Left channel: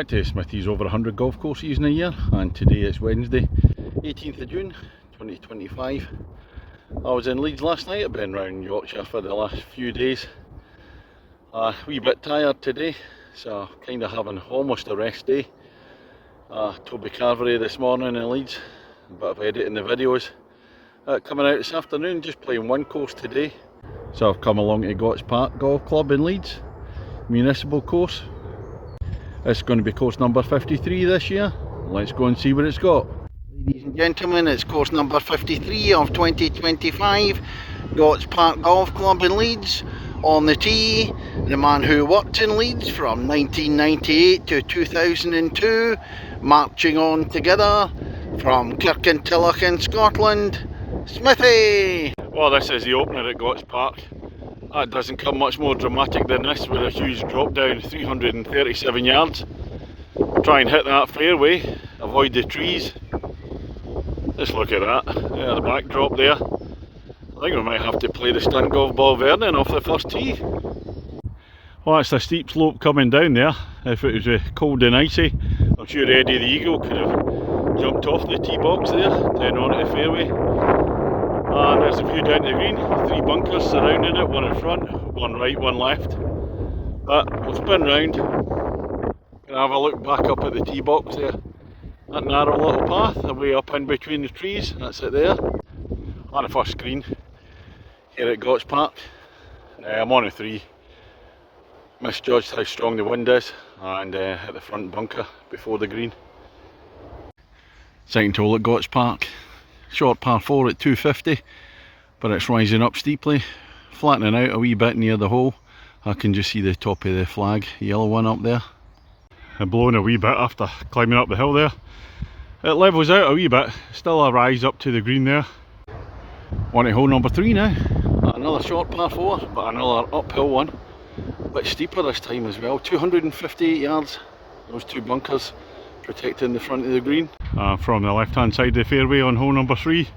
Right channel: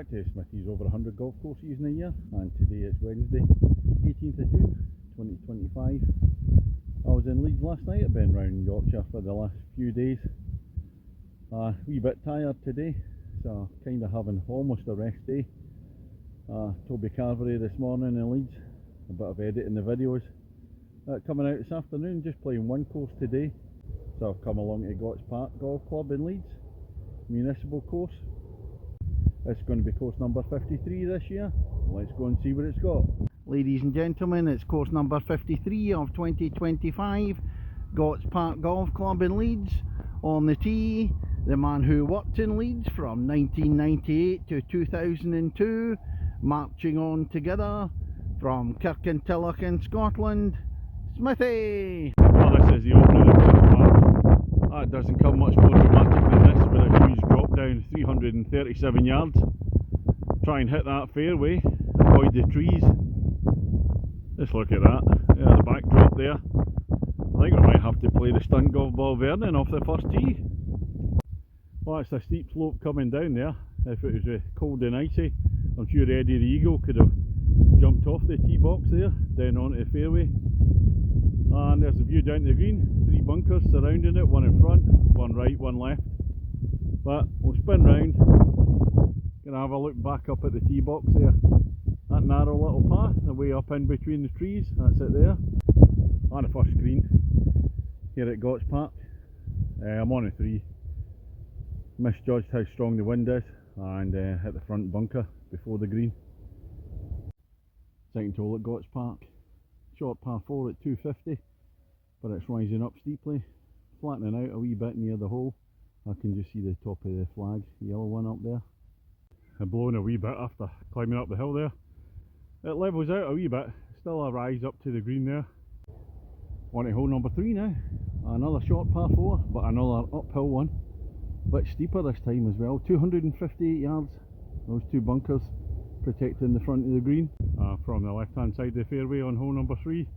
back to Smithy's over 100 golf courses in a year, and today is Wednesday 18th of June 2025. I was in Leeds last night. I've been around Yorkshire for the last few days. A wee bit tired today, so kind of having almost a rest day. Toby Carvery this morning in Leeds, a bit of editing the videos. Coming out this afternoon, just playing one course today. So I've come along to Gotts Park Golf Club in Leeds, municipal course. It's going to be course number 53 this year. Let's go and see what it's got. Ladies and gentlemen, it's course number 53 of 2025, Gotts Park Golf Club in Leeds. On the tee, the man who worked in Leeds from 1998 to 2002, marching on together from Kirkintilloch in Scotland, Smithy! Well, this is the opening at Gotts Park. That doesn't come much more dramatic than this, with a huge drop down, 337 yards. Try and hit that fairway, avoid the trees. Just look at that, the backdrop there. I think we might have to play the stunt golf ball Vernon off the first tee. Well, that's a steep slope coming down there. If it was cold and icy, I'm sure Eddie the Eagle could have jumped off the tee box there, down onto the fairway. And there's a view down to the green, 3 bunkers surrounding it, one in front, one right, one left. But we'll spin round, gonna have a look back up at the tee box there. That narrow little path, away up in between the trees, that's it there. And the first green here at Gotts Park. I'm on a 3. Misjudged how strong the wind is, and at the front bunker before the green. Second hole at Gotts Park. Short par 4 at 250, but it's rising up steeply, flattening out a wee bit near the hole. I can just see the top of the flag, yellow one up there. And blowing a wee bit after climbing up the hill there. It levels out a wee bit, still a rise up to the green there. On to hole number 3 now. Another short par 4, but another uphill one. A bit steeper this time as well, 258 yards. Those 2 bunkers protecting the front of the green. From the left hand side of the fairway on hole number 3,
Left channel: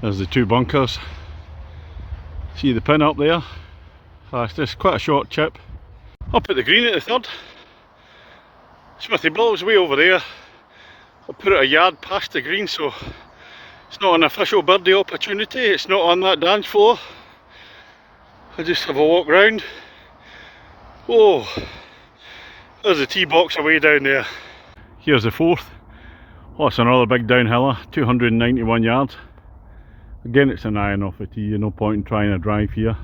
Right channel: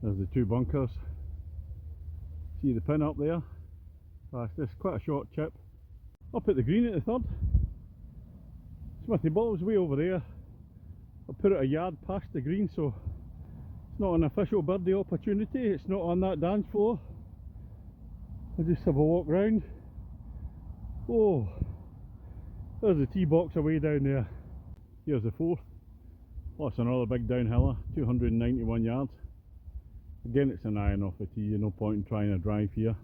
there's the 2 bunkers. See the pin up there? It's just quite a short chip. Up at the green at the third. Smithy ball's way over there. I put it a yard past the green, so it's not an official birdie opportunity. It's not on that dance floor. I just have a walk round. Oh, there's the tee box away down there. Here's the 4th. Oh, it's another big downhiller, 291 yards. Again, it's an iron off the tee, no point in trying to drive here.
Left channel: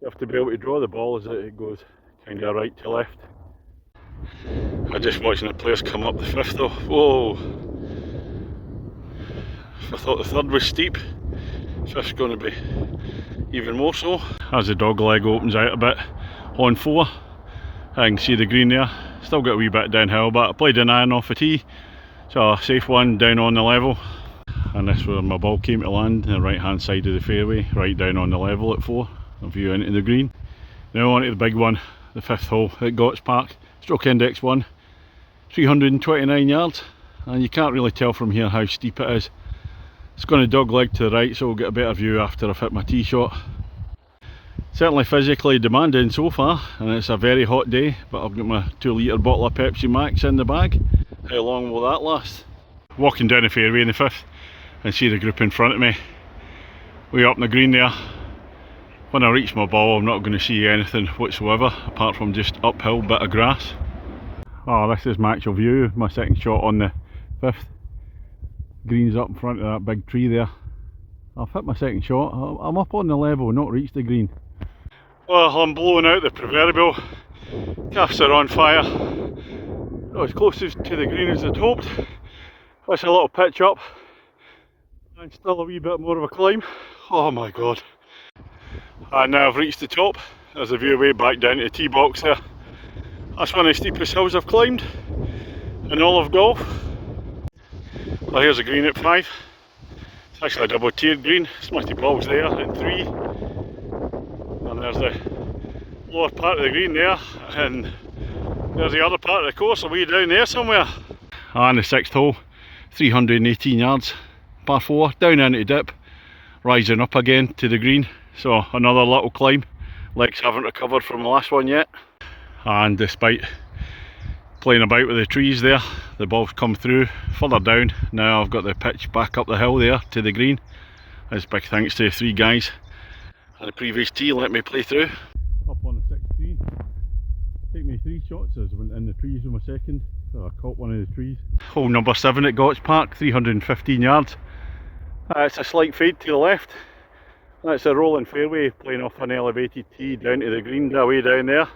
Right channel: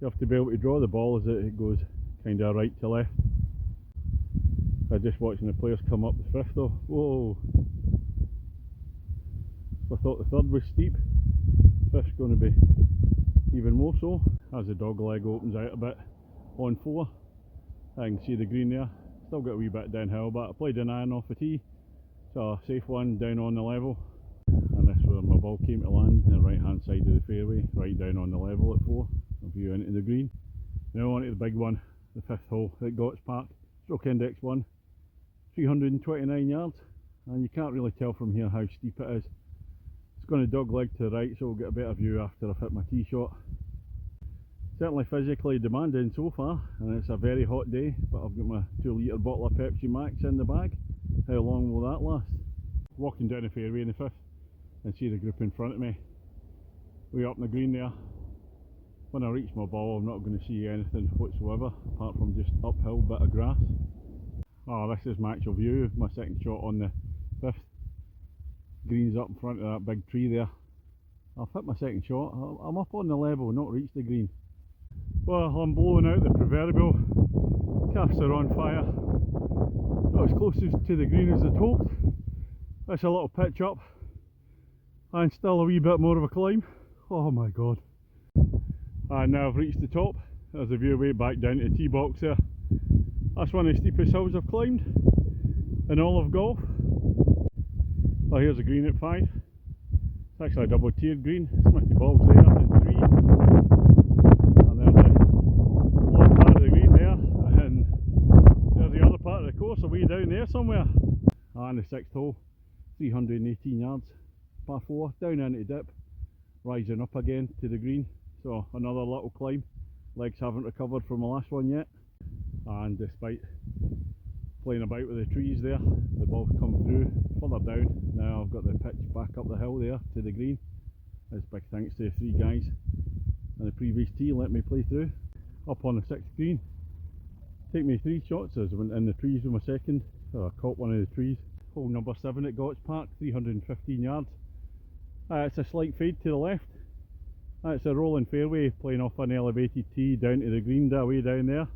You have to be able to draw the ball as it goes kind of right to left. I'm just watching the players come up the 5th though. Whoa! I thought the 3rd was steep. 5th's going to be even more so. As the dog leg opens out a bit on 4, I can see the green there. Still got a wee bit downhill, but I played an iron off the tee, so a safe one down on the level. And this is where my ball came to land, the right hand side of the fairway, right down on the level at 4, a view into the green. Now on to the big one, the 5th hole at Gotts Park, stroke index 1, 329 yards, and you can't really tell from here how steep it is. It's going to dog leg to the right, so we'll get a better view after I've hit my tee shot. Certainly physically demanding so far, and it's a very hot day, but I've got my 2 litre bottle of Pepsi Max in the bag. How long will that last? Walking down the fairway in the 5th and see the group in front of me, way up in the green there. When I reach my ball, I'm not going to see anything whatsoever apart from just uphill bit of grass. Oh, this is my actual view, my second shot on the 5th. Green's up in front of that big tree there. I've hit my second shot. I'm up on the level, not reached the green. Well, I'm blowing out the proverbial. Casts are on fire. Not as close to the green as I'd hoped. That's a little pitch up, and still a wee bit more of a climb. Oh my god. And now I've reached the top. There's a view way back down to the tee box there. That's one of the steepest hills I've climbed in all of golf. Well, here's a green at 5. It's actually a double tiered green. Smithy ball's there in 3. And there's the lower part of the green there. And there's the other part of the course away down there somewhere. And the 6th hole, 318 yards, par 4, down into the dip, rising up again to the green. So another little climb. Legs haven't recovered from the last one yet. And despite playing about with the trees there. The ball's come through further down. Now I've got the pitch back up the hill there to the green. That's big thanks to 3 guys and the previous tee let me play through. Up on the 6th green. Take me 3 shots as I went in the trees with my second. So I caught one of the trees. Hole number 7 at Gotch Park, 315 yards. It's a slight fade to the left. That's a rolling fairway playing off an elevated tee down to the green, way down there.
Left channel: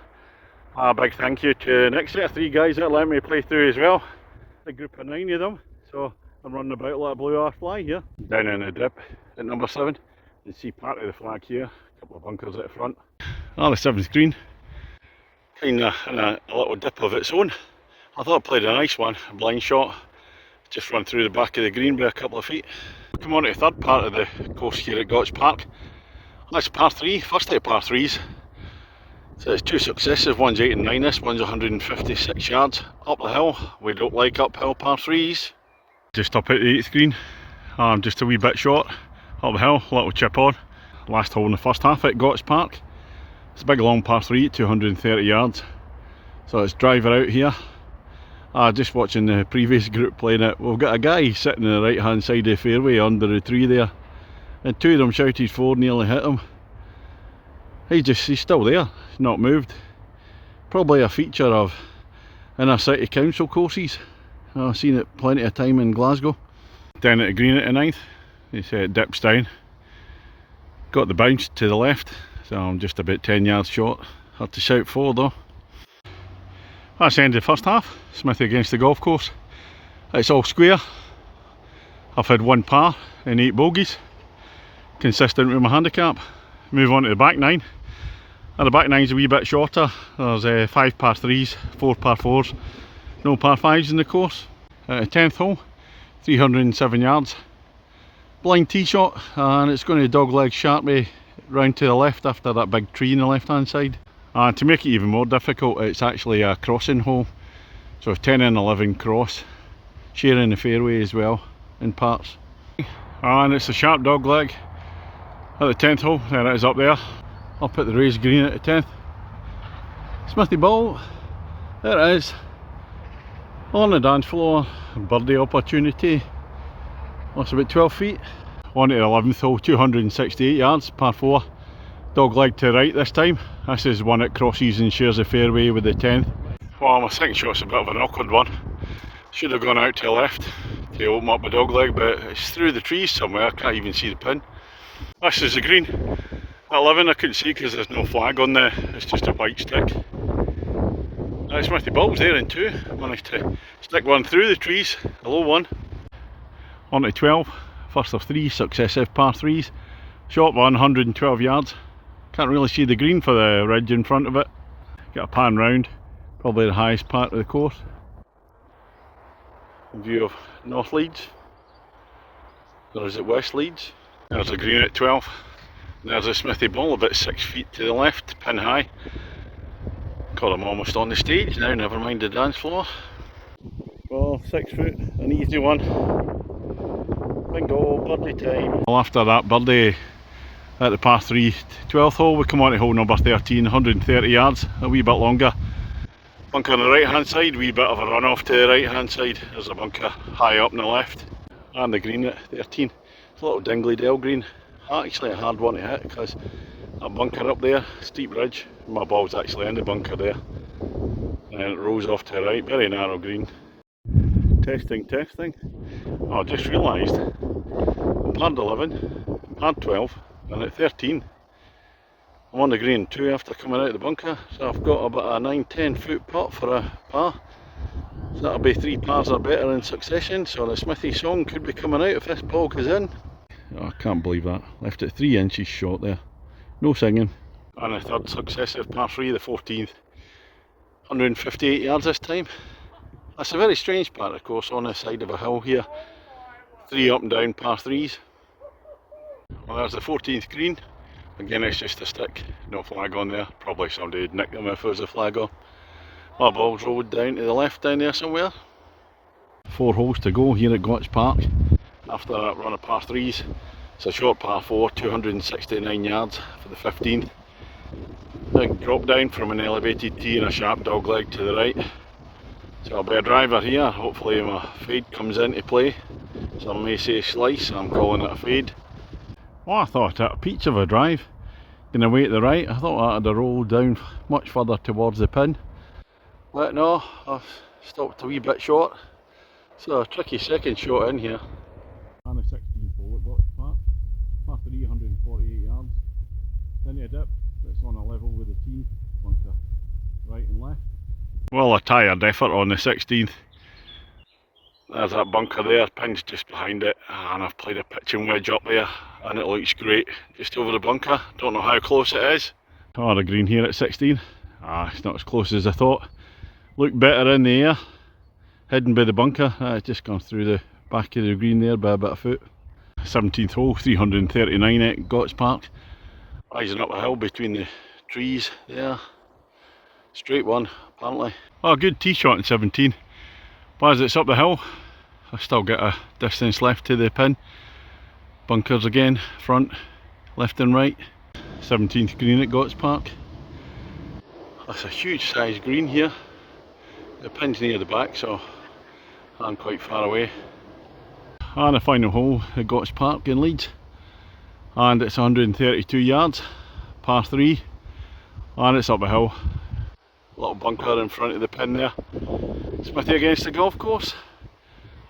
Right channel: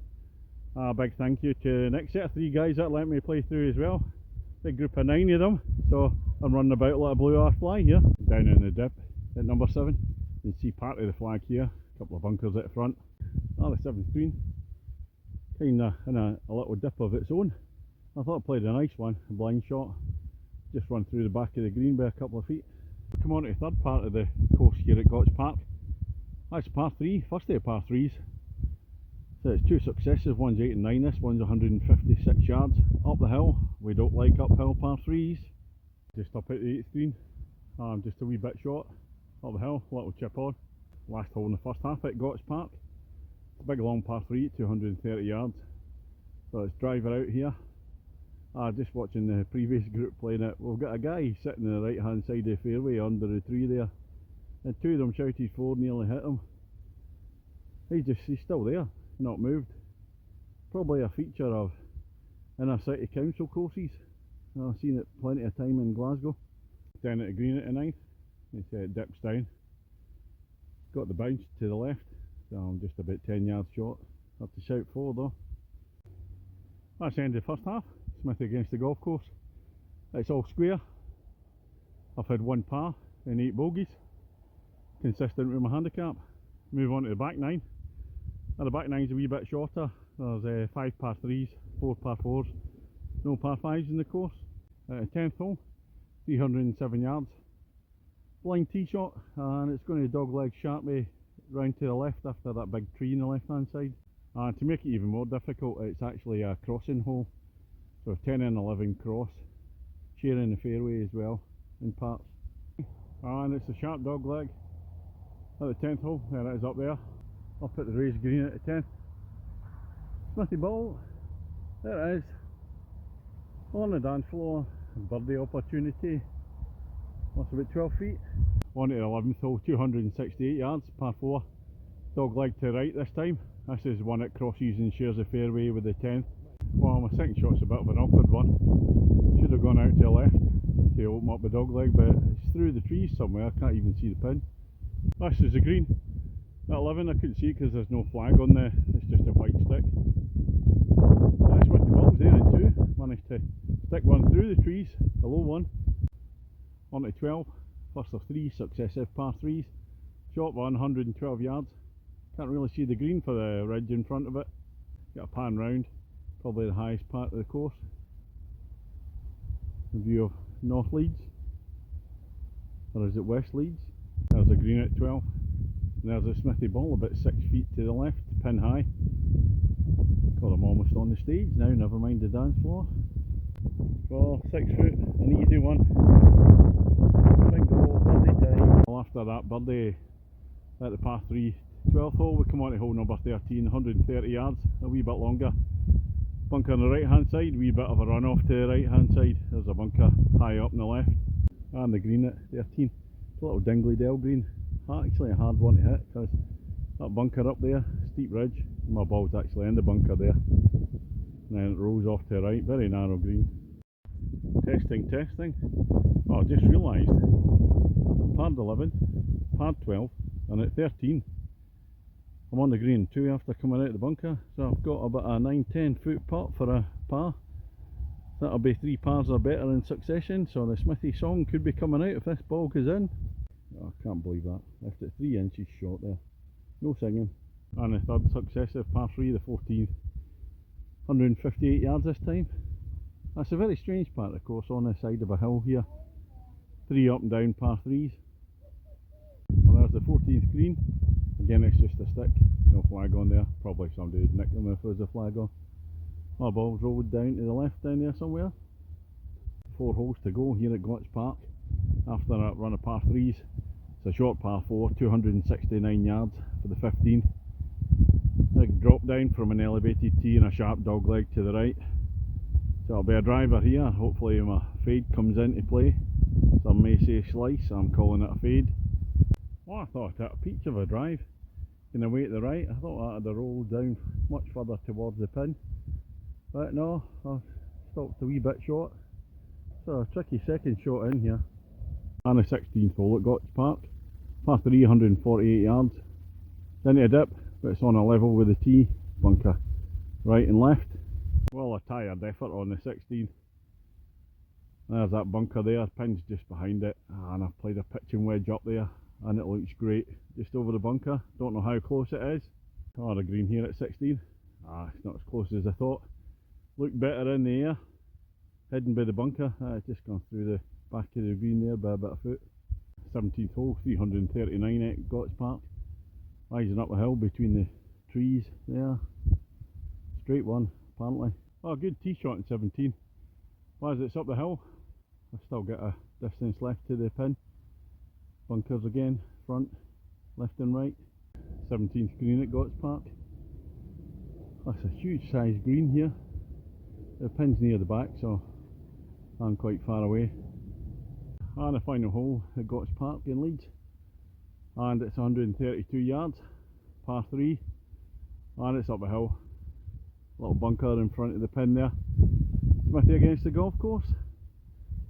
A big thank you to the next set of 3 guys that let me play through as well. A group of 9 of them. So I'm running about like a blue arse fly here. Down in the dip at number 7. You can see part of the flag here. A couple of bunkers at the front. The 7th green. Kinda in a little dip of its own. I thought I played a nice one, a blind shot. Just run through the back of the green by a couple of feet. Come on to the third part of the course here at Gotch Park. That's par 3, first of par 3s. So it's 2 successive, one's 8 and 9, this one's 156 yards up the hill. We don't like uphill par 3s. Just up at the 8th green, just a wee bit short, up the hill, little chip on. Last hole in the first half at Gotch Park. It's a big long par 3 at 230 yards. So it's driver out here. Just watching the previous group playing it, we've got a guy sitting on the right hand side of the fairway under the tree there. And 2 of them shouted 4, nearly hit him. He's still there, he's not moved. Probably a feature of inner city council courses. I've seen it plenty of time in Glasgow. Down at the green at the 9th, you see it dips down. Got the bounce to the left, so I'm just about 10 yards short. Had to shout 4 though. That's the end of the first half. Smithy against the golf course. It's all square. I've had 1 par and 8 bogeys. Consistent with my handicap. Move on to the back 9. And the back 9's a wee bit shorter. There's 5 par 3s, 4 par 4s, no par 5s in the course. 10th hole, 307 yards. Blind tee shot, and it's going to dogleg sharply round to the left after that big tree on the left hand side. And to make it even more difficult, it's actually a crossing hole. So 10 and 11 cross, sharing the fairway as well in parts. And it's a sharp dogleg at the 10th hole. There it is up there, up at the raised green at the 10th. Smithy ball, there it is, on the dance floor. Birdie opportunity. That's about 12 feet. On to the 11th hole, 268 yards, par 4. Dog leg to the right this time. This is one that crosses and shares the fairway with the 10th. Well, my second shot's a bit of an awkward one. Should have gone out to the left to open up my dog leg, but it's through the trees somewhere. I can't even see the pin. This is the green. At 11 I couldn't see because there's no flag on there. It's just a white stick. Smithy balls there in 2. Managed to stick one through the trees, the low one. On to 12. First of 3 successive par 3s. Short one, 112 yards. Can't really see the green for the ridge in front of it. Got a pan round, probably the highest part of the course. View of North Leeds, or is it West Leeds? There's a green at 12. There's a Smithy ball about 6 feet to the left, pin high. God, I'm almost on the stage now, never mind the dance floor. Well, 6 foot, an easy one. Bingo, birdie time. Well, after that birdie at the par 3 12th hole, we come on to hole number 13, 130 yards, a wee bit longer. Bunker on the right hand side, wee bit of a run off to the right hand side. There's a bunker high up on the left, and the green at 13. It's a little dingly dell green. Actually a hard one to hit because that bunker up there, steep ridge. My ball's actually in the bunker there. And then it rolls off to the right, very narrow green. Testing. Oh, I just realised, par 11, par 12, and at 13, I'm on the green 2 after coming out of the bunker, so I've got about a 9-10 foot putt for a par. So that'll be 3 pars or better in succession, so the Smithy song could be coming out if this ball goes in. Oh, I can't believe that. Left it 3 inches short there. No singing. And a third successive par 3, the 14th. 158 yards this time. That's a very strange part of the course, on the side of a hill here. 3 up and down par 3s. Well, there's the 14th green. Again, it's just a stick, no flag on there. Probably somebody would nick them if there was a flag on. My ball's rolled down to the left down there somewhere. 4 holes to go here at Gotch Park. After that run of par 3s. It's a short par 4, 269 yards for the 15th. Big drop down from an elevated tee and a sharp dog leg to the right. It's So I'll be a driver here, hopefully my fade comes into play. Some may say slice, I'm calling it a fade. Oh, I thought it had a peach of a drive. Going away to the right, I thought I had a roll down much further towards the pin. But no, I've stopped a wee bit short. So a tricky second shot in here. And the 16th hole at Gotch Park. Par 3, 148 yards. Into a dip, but it's on a level with the tee, bunker right and left. Well, a tired effort on the 16th. There's that bunker there, pin's just behind it, and I've played a pitching wedge up there and it looks great. Just over the bunker, don't know how close it is. Oh, the green here at 16. It's not as close as I thought. Looked better in the air, hidden by the bunker. It's just gone through the back of the green there by about a foot. 17th hole, 339 at Gotch Park. Rising up a hill between the trees there. Straight one, apparently. Oh, good tee shot in 17. But as it's up the hill, I still get a distance left to the pin. Bunkers again, front, left and right. 17th green at Gotch Park. That's a huge size green here. The pin's near the back, so I'm quite far away. And the final hole at Gotch Park in Leeds. And it's 132 yards, par 3. And it's up a hill. Little bunker in front of the pin there. Smithy against the golf course.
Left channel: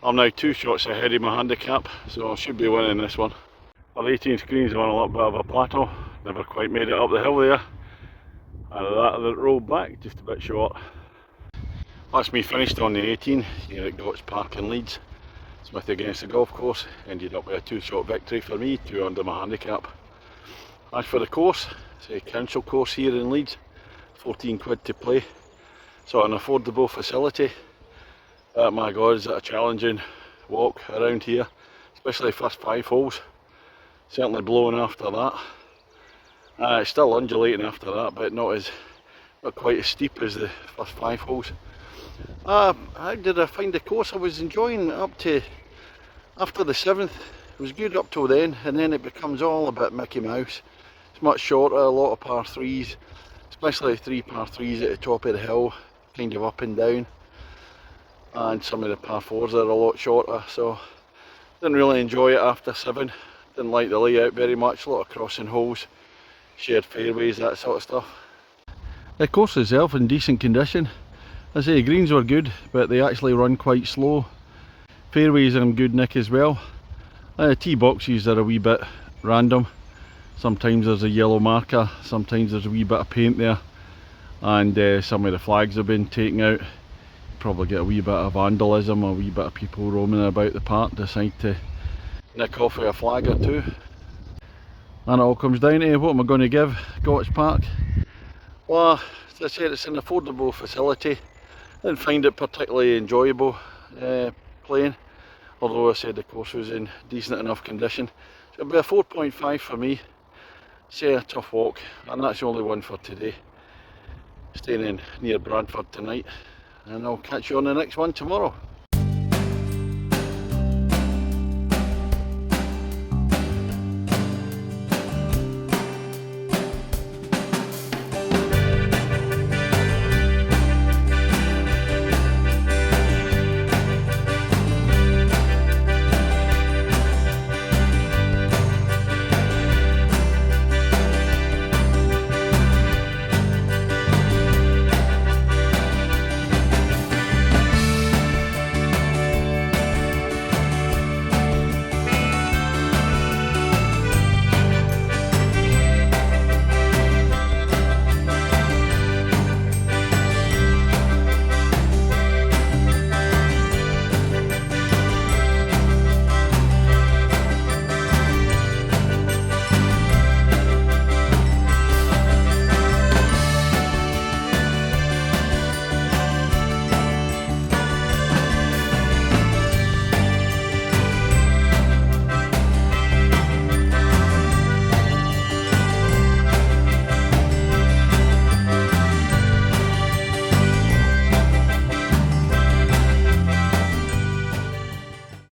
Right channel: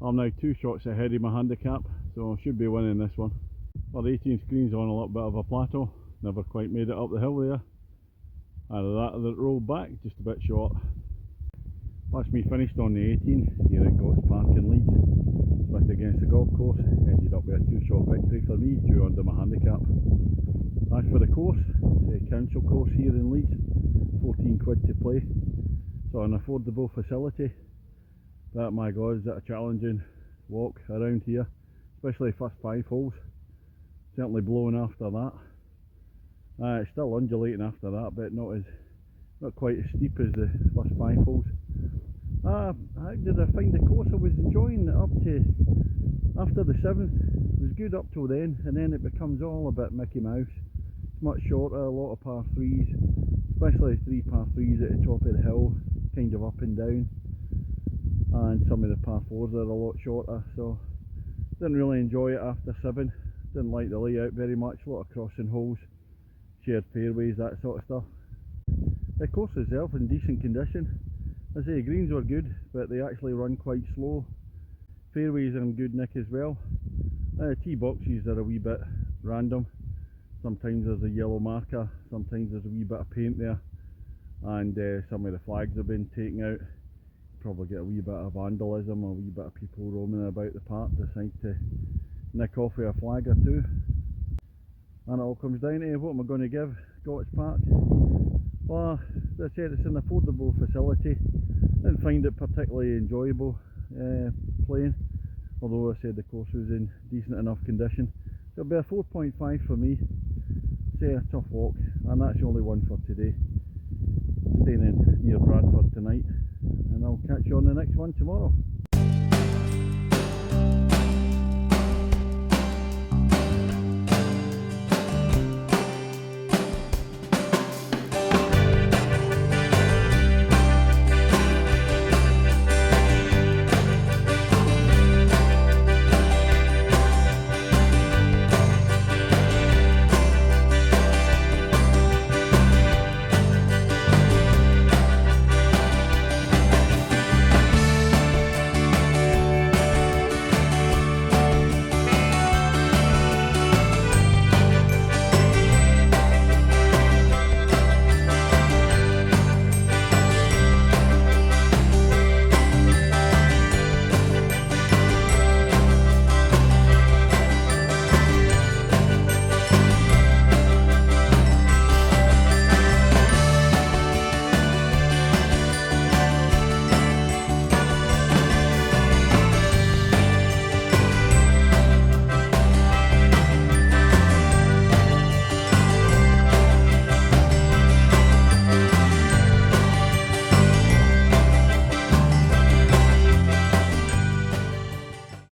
I'm now 2 shots ahead of my handicap, so I should be winning this one. Well, the 18th green's on a little bit of a plateau. Never quite made it up the hill there. And that rolled back just a bit short. That's me finished on the 18 here at Gotch Park in Leeds. Smithy against the golf course. Ended up with a 2-shot victory for me, 2 under my handicap. As for the course, it's a council course here in Leeds. 14 quid to play. So an affordable facility. My god, is it a challenging walk around here, especially the first 5 holes. Certainly blowing after that. It's still undulating after that, but not quite as steep as the first 5 holes. How did I find the course? I was enjoying up to after the 7th. It was good up till then, and then it becomes all a bit Mickey Mouse. It's much shorter, a lot of par 3s, especially 3 par 3s at the top of the hill, kind of up and down. And some of the par 4s are a lot shorter, so didn't really enjoy it after 7. Didn't like the layout very much, a lot of crossing holes, shared fairways, that sort of stuff. The course itself in decent condition. I say the greens were good, but they actually run quite slow. Fairways are in good nick as well. The tee boxes are a wee bit random. Sometimes there's a yellow marker, sometimes there's a wee bit of paint there, and some of the flags have been taken out. Probably get a wee bit of vandalism, a wee bit of people roaming about the park decide to nick off a flag or 2. And it all comes down to what am I going to give Gotch Park. Well, as I said, it's an affordable facility. Didn't find it particularly enjoyable playing, although I said the course was in decent enough condition. So it'll be a 4.5 for me. Say a tough walk, and that's the only one for today. Staying in near Bradford tonight, and I'll catch you on the next one tomorrow.